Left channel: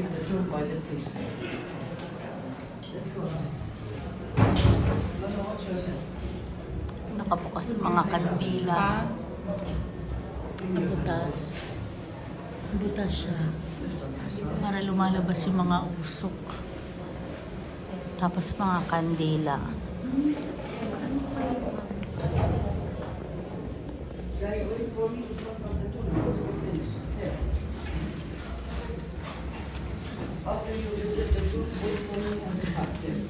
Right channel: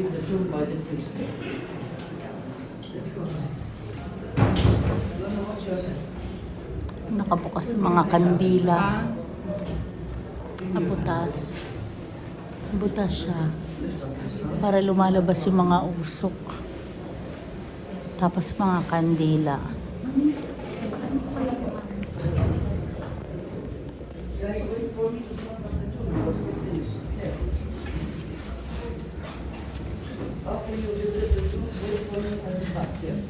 receive the tune by the priest. Let's go. Nakabukas ang mga kandila. Butas. Butas siya. Para lumalabas yung mga usok. Tapos mga kandila. After you visit the tomb, you will come back here.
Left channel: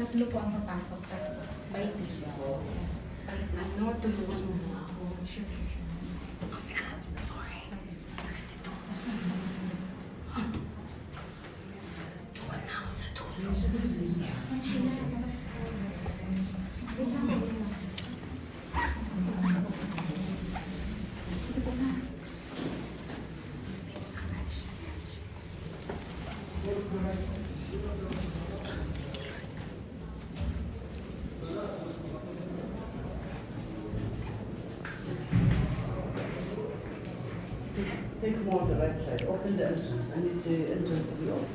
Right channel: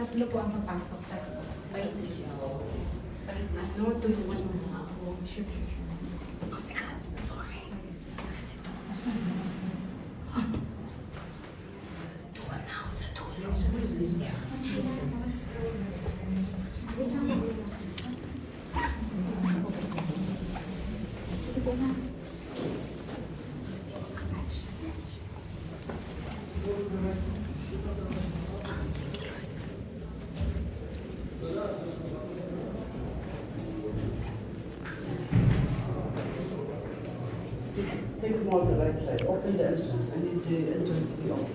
Tatlo po ang papasok. May please. No, tutuwa mo ako. Sure. Sorry. Take them on the right side. Open the entrance. I need the entrance to be open.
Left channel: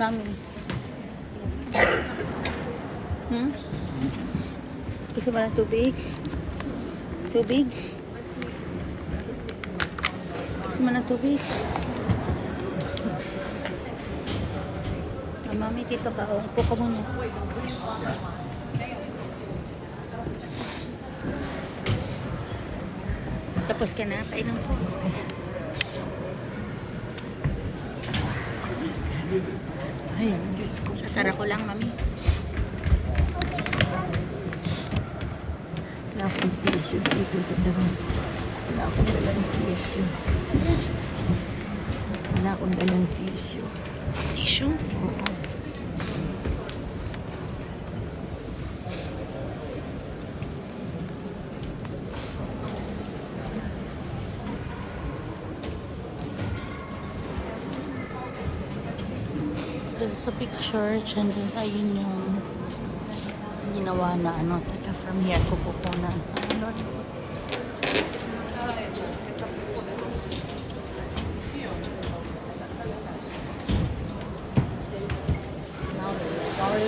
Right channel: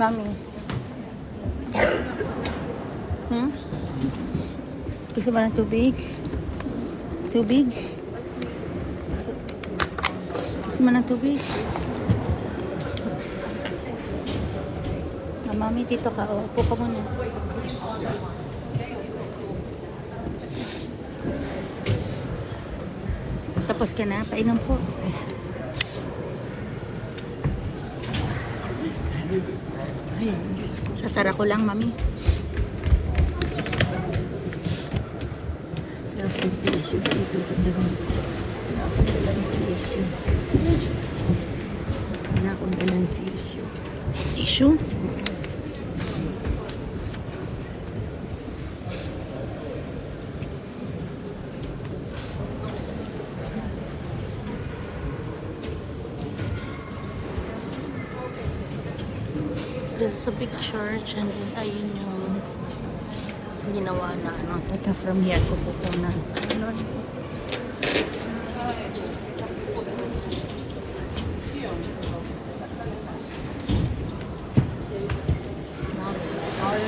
Mami. Gusto ba ng tubig? Tubig? Gusto mo ng tubig? Mami, dito ka. Tapos ka na? Painom po. Sasara ko lang, mami. Tissue dito sa doon. Tissue. Wala akong dalang tissue. Tissue? This is a big church and then ayun yung ginawa na ano. Teka, from here ko pupunan. Ano?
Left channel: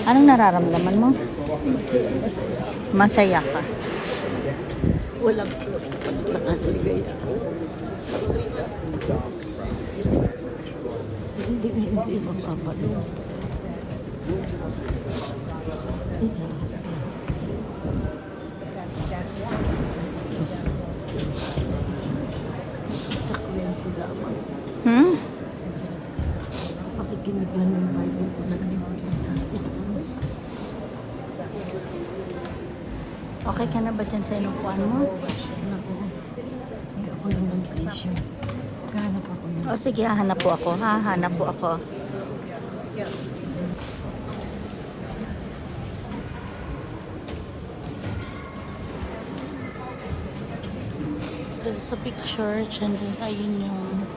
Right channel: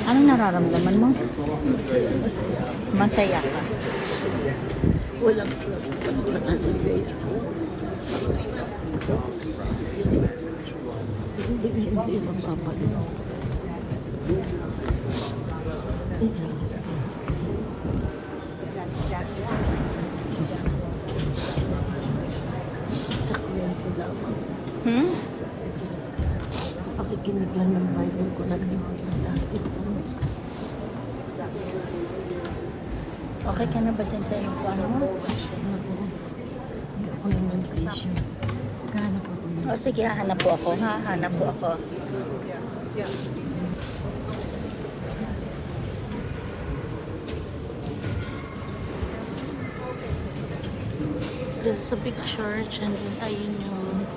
Anong nararamdaman mo? Masaya ka. Walang nakasigay. Hindi mapapalo. Sakyan sila. Hmm? Nakikinig lang ng Bible ko na Okay ka na ba dyan sa upuan mo? Ako, hindi ako lang ng tissue. Kahanap ako ng O sige, hahanap po ako. Hahanap po ako. This is a big church and then ayun yung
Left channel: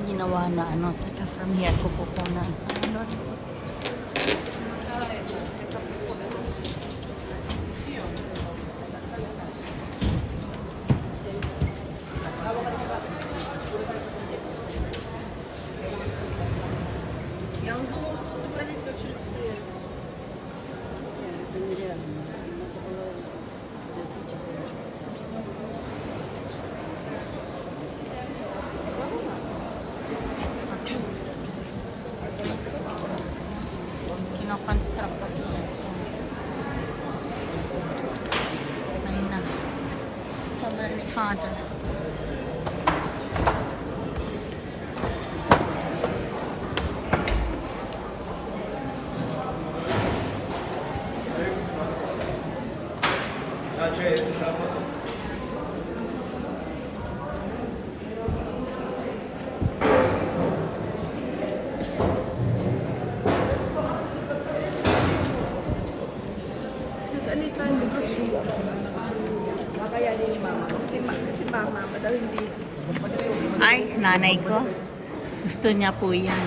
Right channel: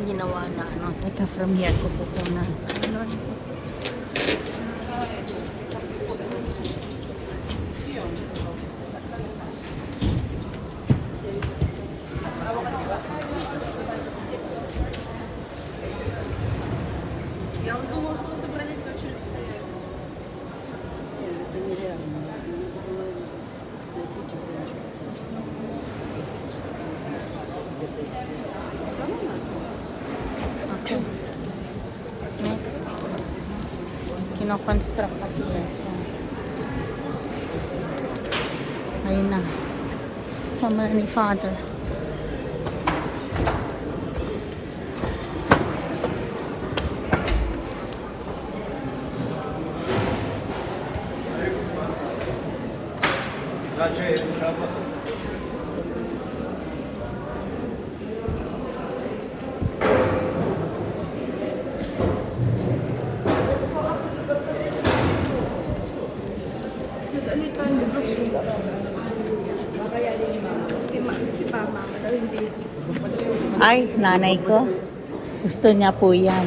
ginawa na ano. Teka, from here ko pupunan. Ano? Next. Kino-construct kasi yan. So, ayun na. Sama ni Father. Because anytime you go to kaya din ni Mama. Si Mama, madal hindi. Ay, nanay ko. Gusto niya po yan.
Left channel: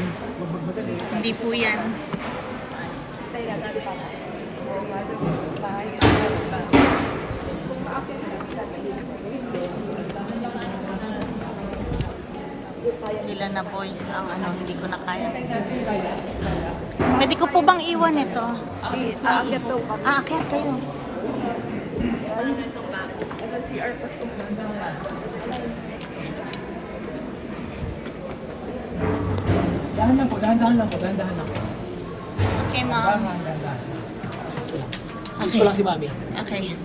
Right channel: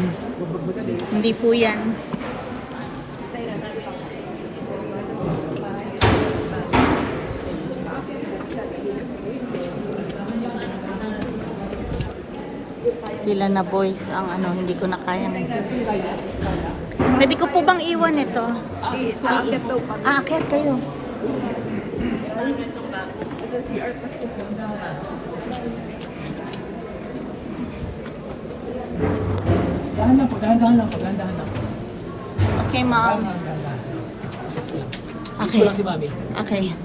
Hindi po yan. Sila na boys ang ano, hindi ko na kaya. Pwede ko po bang iwan ito? Aakyat kayo. Dahan lang po, dahan-dahan lang po, dahan-dahan lang. Okay, ma'am. Assist ko lang. Assist ko lang si Mami. Okay.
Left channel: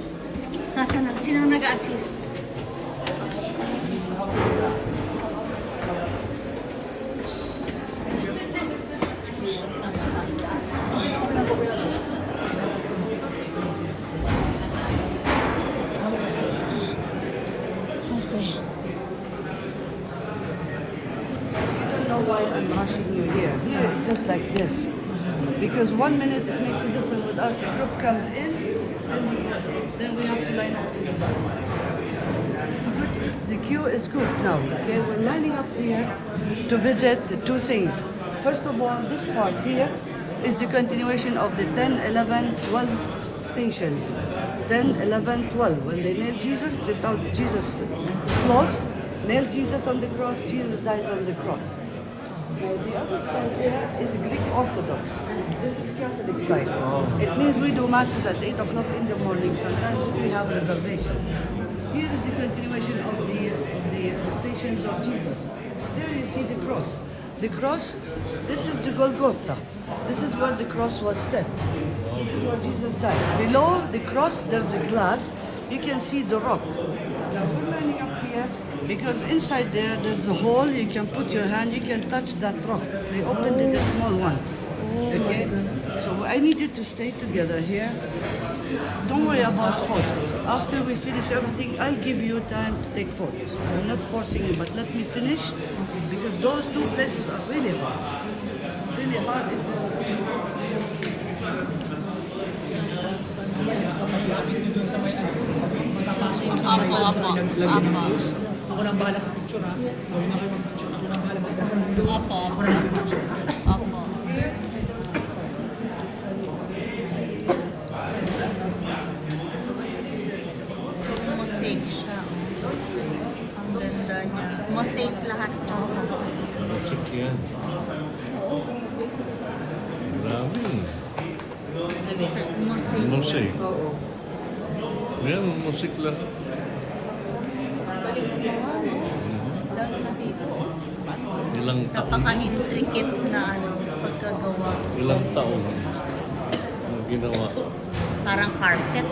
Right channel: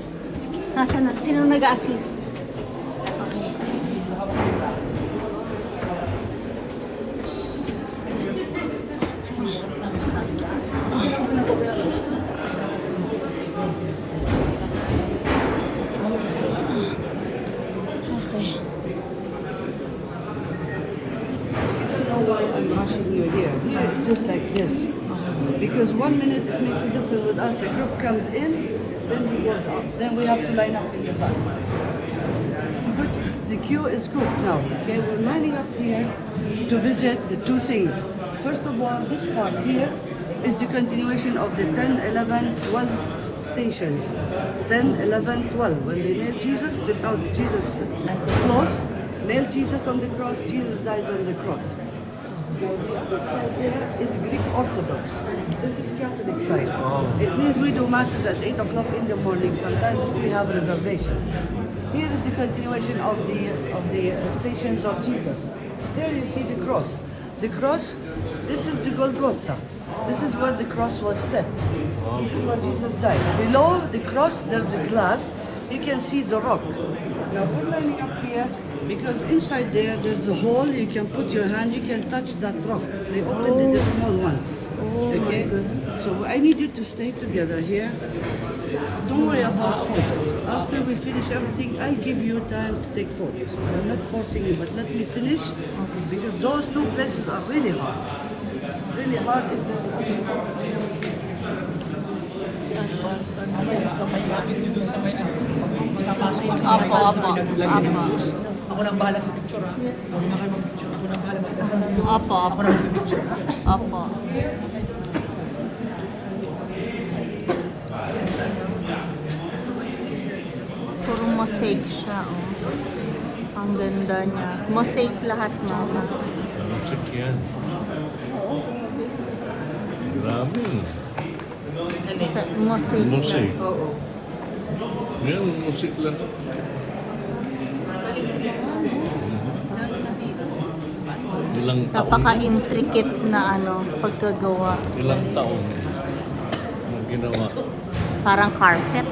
Nasaan na? Sino nag-assist? Why I'm rushing you here. Here, it's just like this. Because 1 minute it makes a difference with us. The group comes in, then he goes out. Then we have to line up. Good. The queue is good now. Okay, we're lining up here to visit the two things. First of all, this part here is the continuation of the 10, 11, 12 stations. 10, 11, 12. When they nailed Jesus, stripped out Jesus' clothes, nailed Jesus on the cross, Jesus dies on the cross. The other side here is Greek Orthodox. This is Catholic side. It means we do masses at 8 o'clock in the morning, sometimes if we have reservations. Here is the continuation of the stations of Jesus. There you see the cross. The cross, this is the Golgotha. This is where the cross was set. This is where Jesus died. Below the cross, there's a glass. You can see the rock. Now we're lining up here because inside there's a hole. You can put your hand, you can touch that rock. They opened it, a small one. Okay? So I need you to stay together here. Don't worry about photos. After we finish everything, I'll give you time to take photos. I'm not forcing you, but let me finish because those two places are really hard. Really hard. Opo, opo, opo. Ako lang bahala sa picture, ha? Opo, opo. Opo. Puro mosaic siya, oh. Ang ganda niya. Mosaic lahat, mama. Grabe. Mosaic. Mosaic. Yan, musik lang. Ilang taon? Napaka-intricate na ano, pagkagawa. Ilang taon? Ang ginawa. Parang carpet.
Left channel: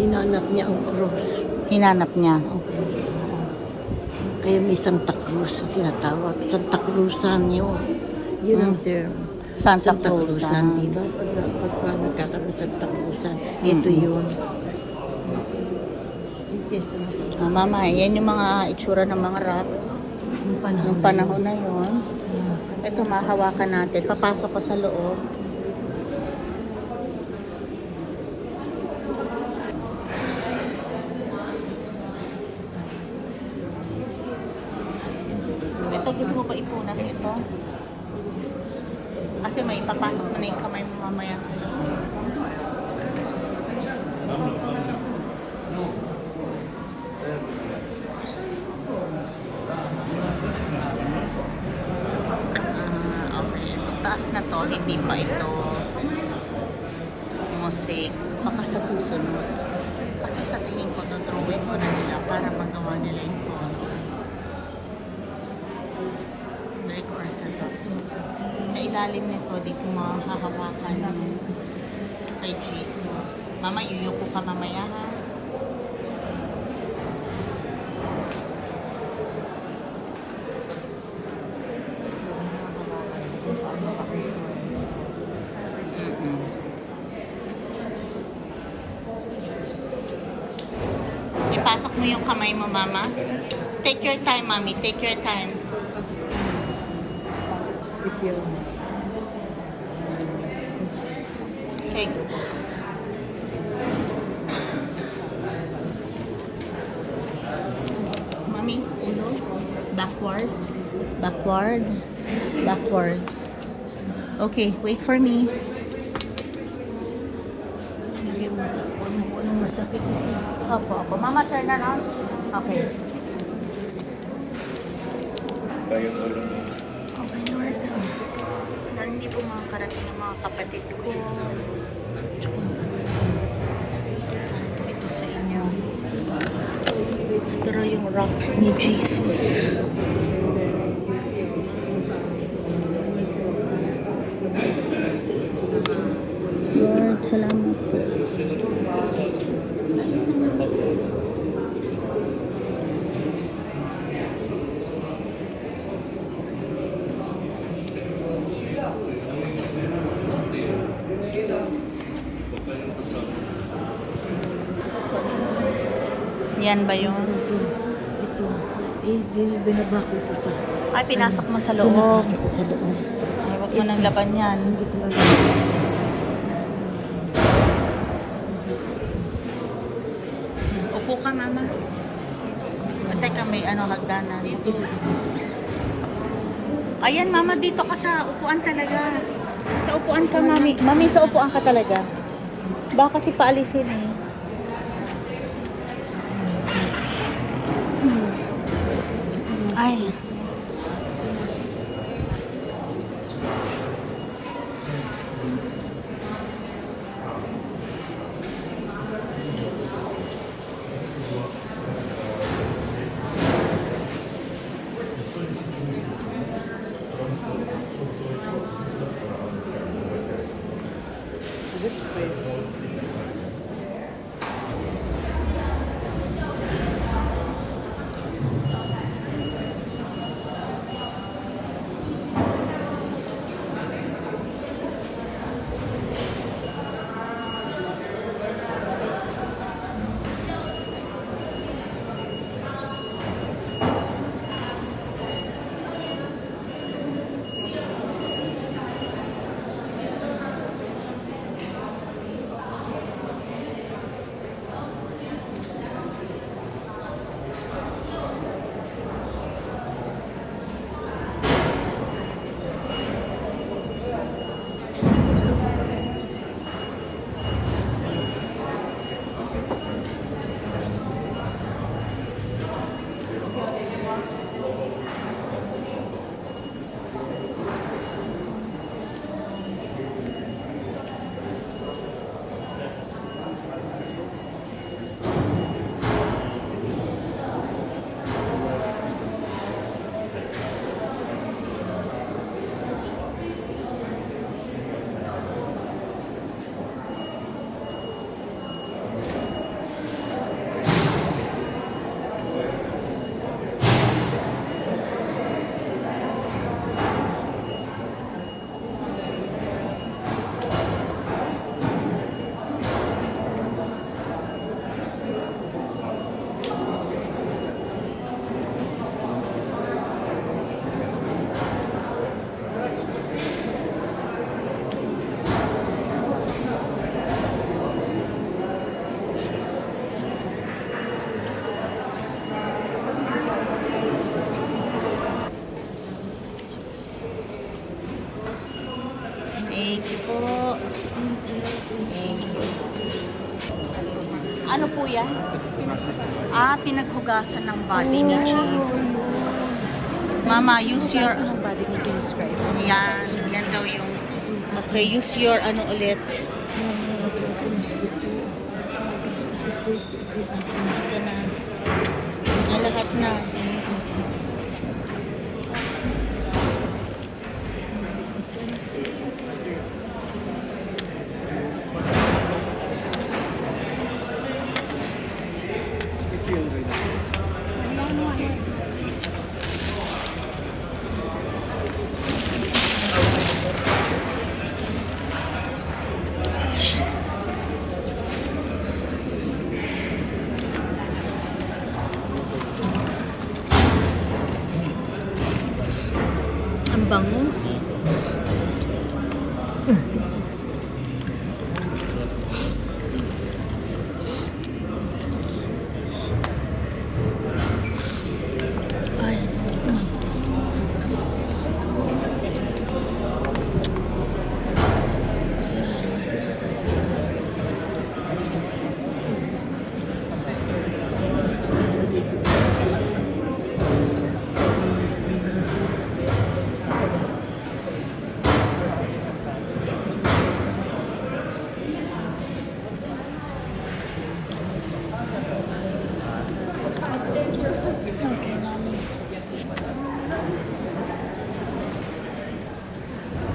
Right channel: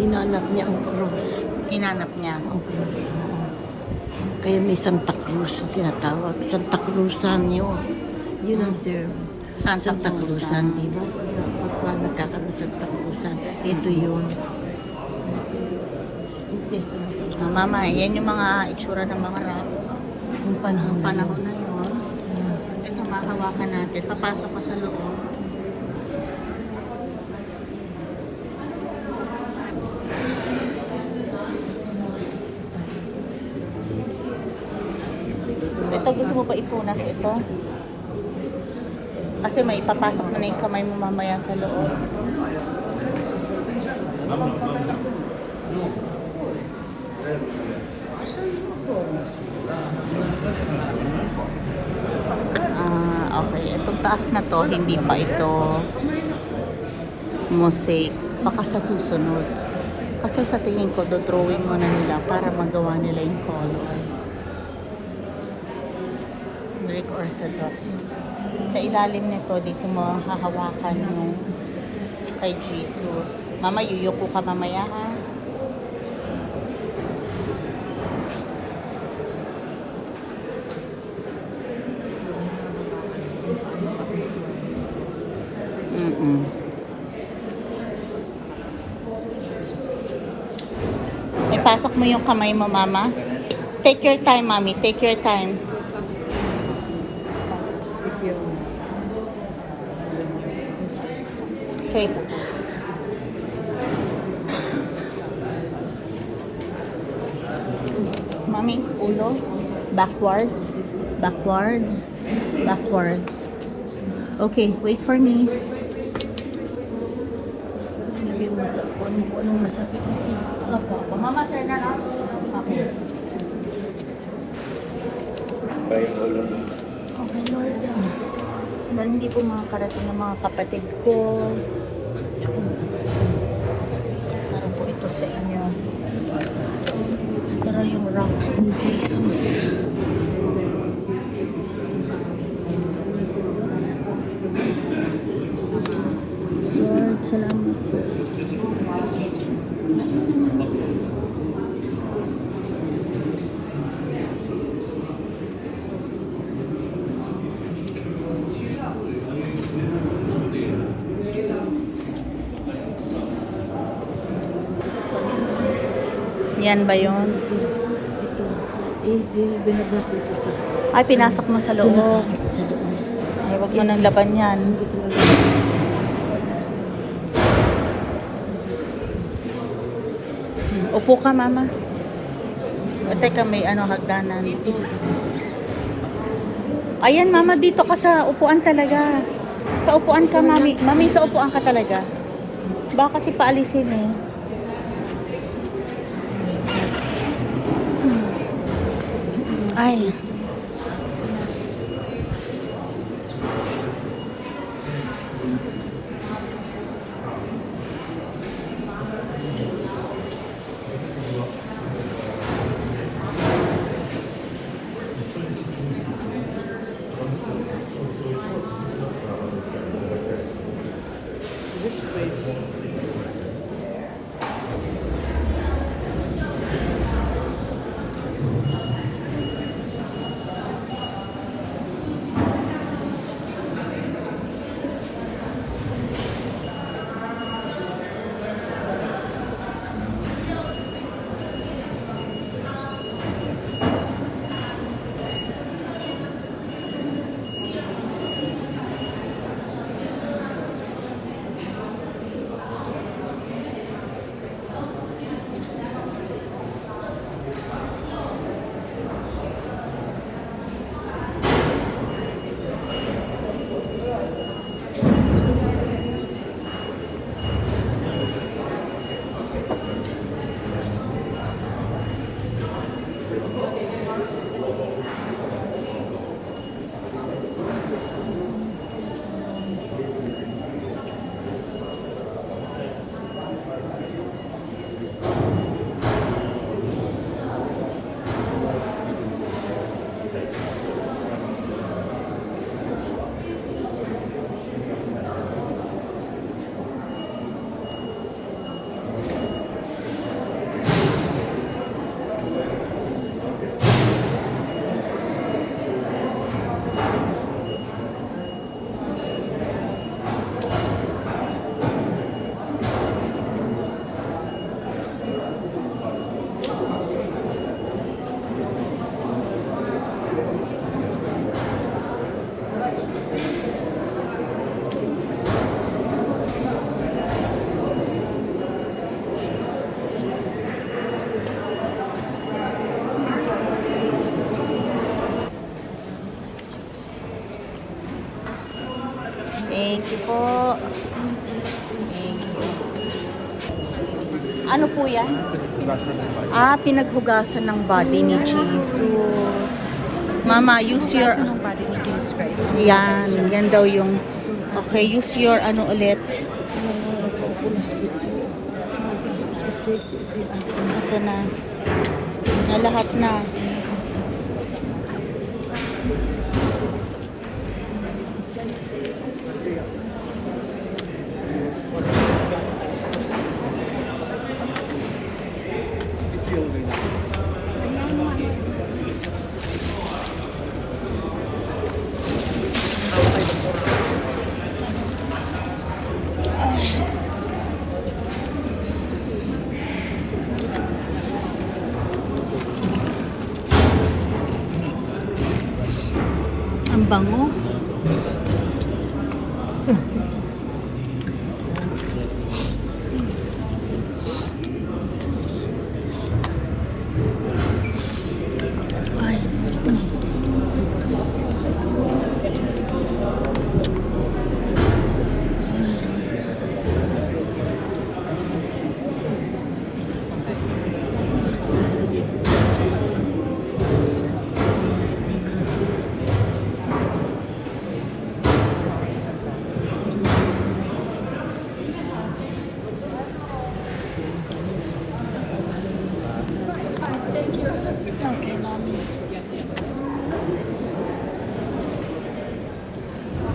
Hinanap niya ang cross. Hinanap niya. Ang cross. Kaya may Santa Cruz tinatawag. Santa Cruzan yun. Yun ang term. Santa Cruzan, Cruzan. di ba? Pagka nagkakaroon Santa Cruzan, ito yun. Yung piyesta ng Santa Mama, yan yung mga itsura ng mga rocks. Yung panahon. Ang panahon na yon. Ito, mahawakan natin. Papasok ka sa loob. Ito, gusto mo pa ipunas ito? Kasi may ipapasok mo na yung kamay mo mamaya sa loob. Okay. Itong taas na to, hindi pa ito mosaic. Baka sa susunod. Kasi sa tingin ko, do-drawing mo na nila para magawa nila yung color. Greek Orthodox. Sa ilalim nito, dito mo hahawakan yung kay Jesus. Mama, yuyuko ka mamaya ha? Ipasok mo yung kamay mo, mama. Take your time, mami. Take your time. Okay. Mami, ulo. Backwards. Backwards. Backwards. Okay, wait for me. Anong masakit ito? Opo, opo. Mama, turn around. Okay. Okay, Lord. Lord, hindi po makakarating ng mga kapatid ko. Tsaka, para po ito sa inyo. Ito raw yung rock ni Jesus. Lord, salamat po. Yan ba yun? Ito. Binaba ko ito sa... Ay, pinasok mo sa loob. Binaba ko sa loob. Ay, huwag mo nang laban yan. Hindi ko lang. Upo ka, mama. O, teka, may hagdanan. Ayan, mama, dito ka sa upuan talaga. Sa upuan ka, mami. Mami, sa upuan ka talaga. Baka kasi paalisin eh. Ay. Ano po yan? Pinaghugasan ng body ni Jesus. Mama, use your... Yan daw yung... Okay, use your ano ulit. Ito na. Lahat na. Ang bango.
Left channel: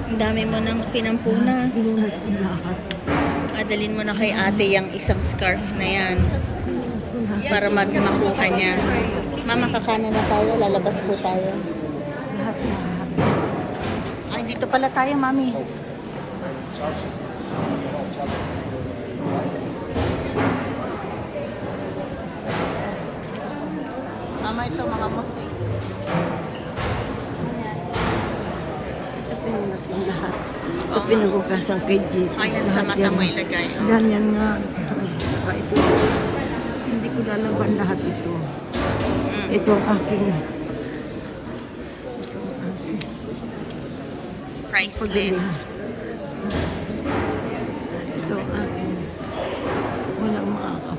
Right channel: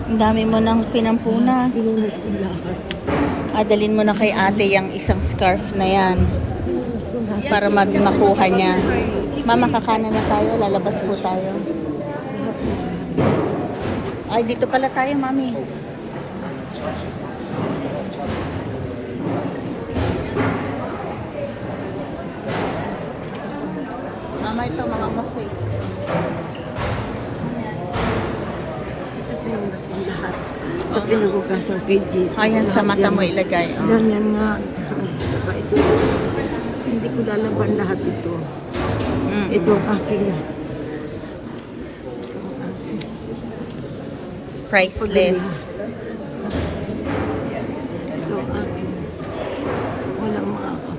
Ang dami mo nang pinampunas. Pinunas ko lahat. Adalin mo na kay ate yung isang scarf na yan Pinunas ko lahat. para makuha niya. Mama, kakanan na tayo. Nalabas mo siya. Lahat na lahat. Ay, dito pala tayo, mami. Mama, ito mga mosaic. Pinunas ko lahat. Sa pinaghugasan kay Jesus. Ayan, sa Lahat mata yan. mo ilagay. Oh. Ganyan nga. Saka ito. Hindi ko lalaban lahat ito. Mm. Ito ang aking. Ito ang aking. Priceless. Ito ang aking. Walang makaka.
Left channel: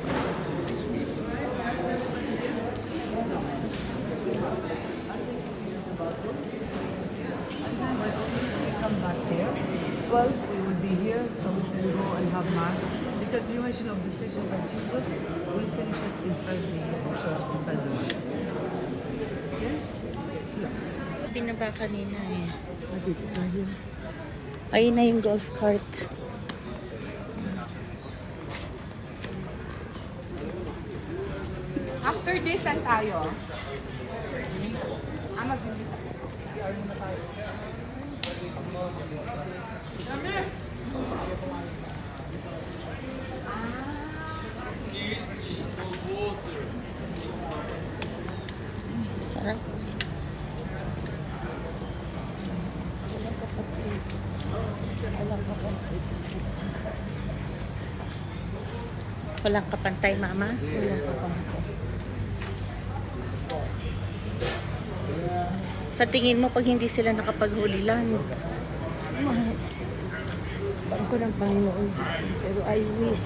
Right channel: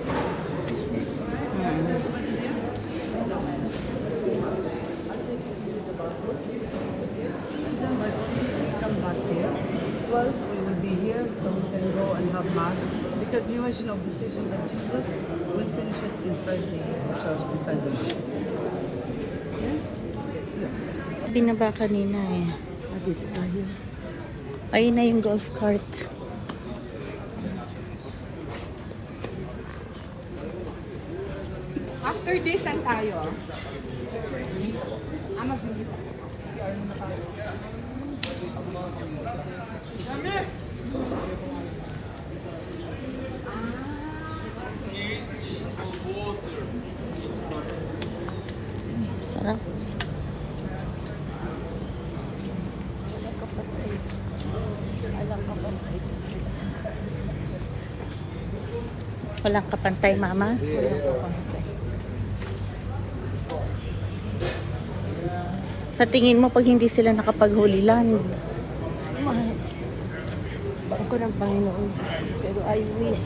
And then by all means, we come back here. 12, we will be here, so we can go and have mass. The continuation of the Stations of Jesus, we'll finish it inside the church, inside the mass. Binaba kanina eh. Ayun na yung golf cart. After this, saan tayo? Sarap. Walang kapantay, mama. Sa tingin mo, pag hindi sila nakapag-holy land, I wish.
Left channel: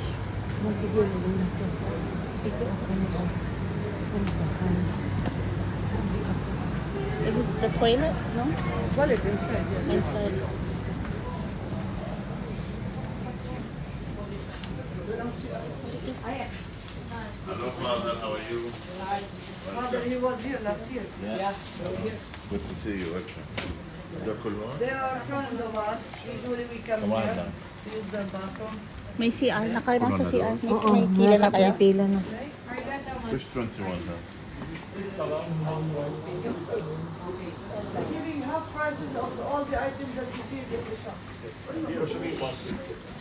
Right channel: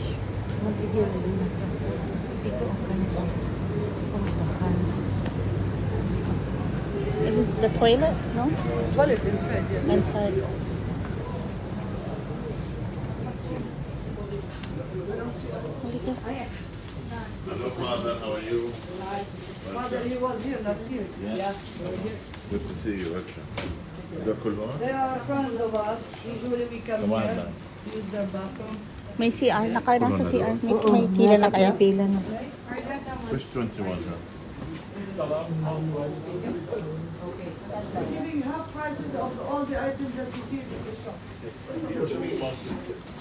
this is the toilet, no? Toilet inside. Inside. Hello, Father. How are you? Father, he was here last year. Good to see you. They are friends of us. Usually we come here, use their bathroom. May CR. Nasa CR. Oo, May pila na kayo. pila na. Which 21? Giving half prices of all the items that you see in the shop.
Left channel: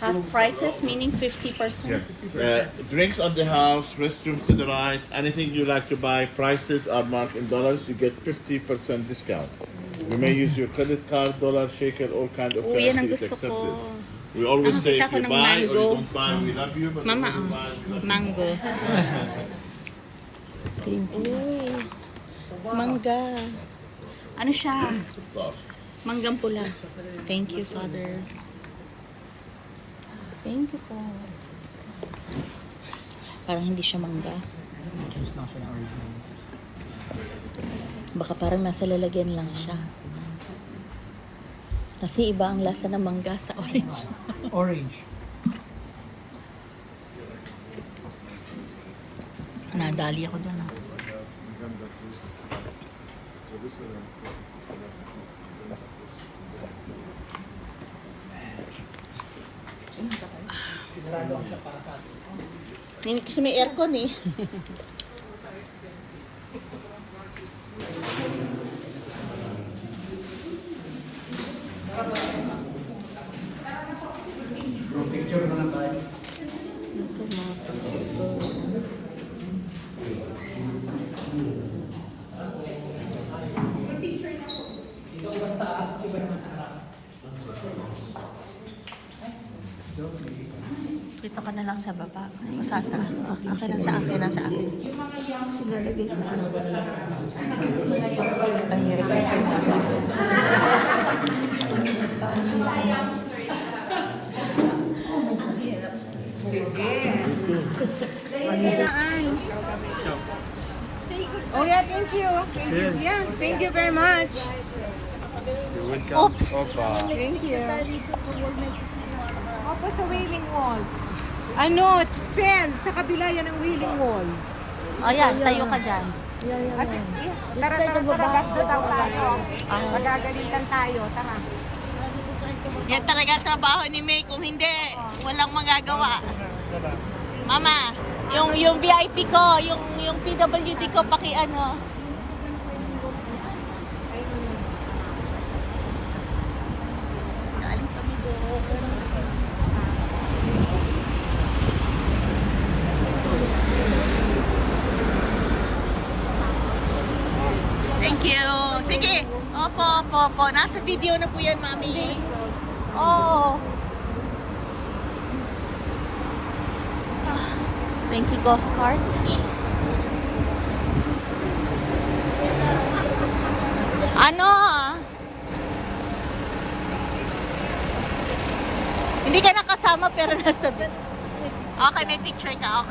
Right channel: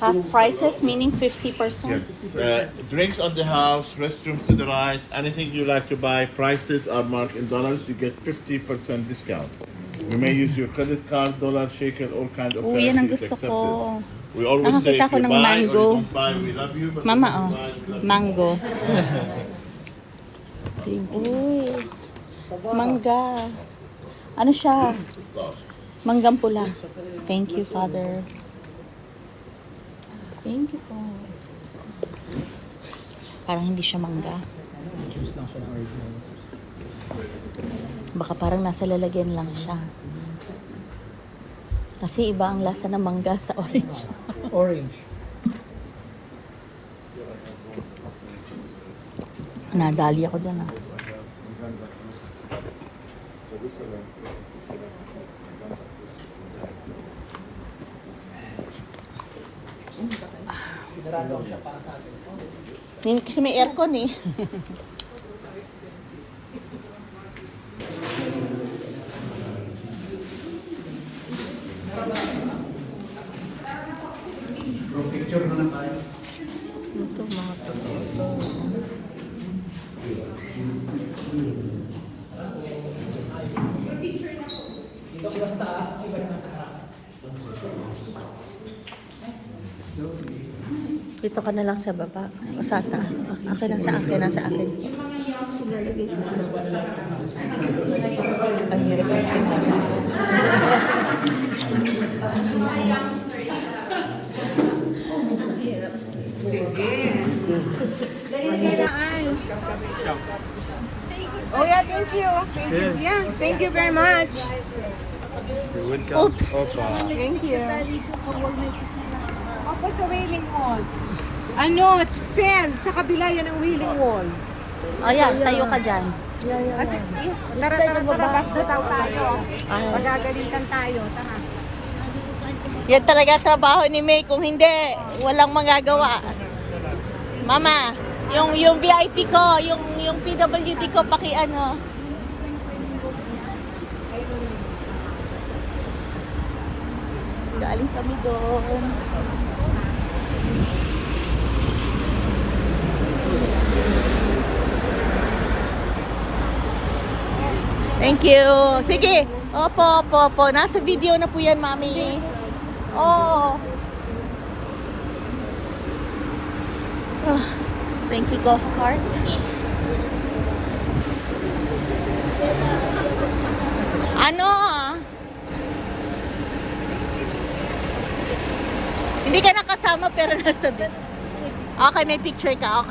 Half prices, meaning 50%. Yes. Drinks on the house, restroom to the right. Anything you like to buy, prices are marked in dollars. You get 50% discount. You may use your credit card, dollar, shaker, all kind of Oo, yan ang currencies gusto accepted. ko. We always say Nakakita if ko you ng buy or mango. you don't buy, we love you. But Mama, if you oh. buy, we love you. Mango. Thank you. Mangga. Ano siya? Manggang pula. Thank you, Father. Thank you po. Parang hindi siya mangga. Juice lang siya ng original. Baka parang nasa lalagyan lang siya. Kasi iba ang lasa ng mangga sa orange. Orange. Nadali ako doon ah. Kasi may aircon eh. Ito mga dito ka na lang sa baba. O sa taas. Akin lang sa akin. Nasa akin. Ang hirap kasi. Oh yeah, thank you. Yeah, thank you very much. Oops! Thank you. Opo sa Wailing Wall. Ano, sell. Sa kabila yan ang Wailing Wall. O yan, tayo ka dyan. Kasi, tara, basta daw tayo. Magagalitan tayo, tara. Yan talaga trabaho ni May. Kung hindi, walang magagawa. Mama, yung VIP ko, yung PWD ko, paki ano. Galing kami doon. Thank you. Sige. Opo. Nasa video na po yan, Mami. Oh. Thank you, golf carts. Ano? Hindi ka nakasama pero nasa video. Okay, may picture ka. Okay.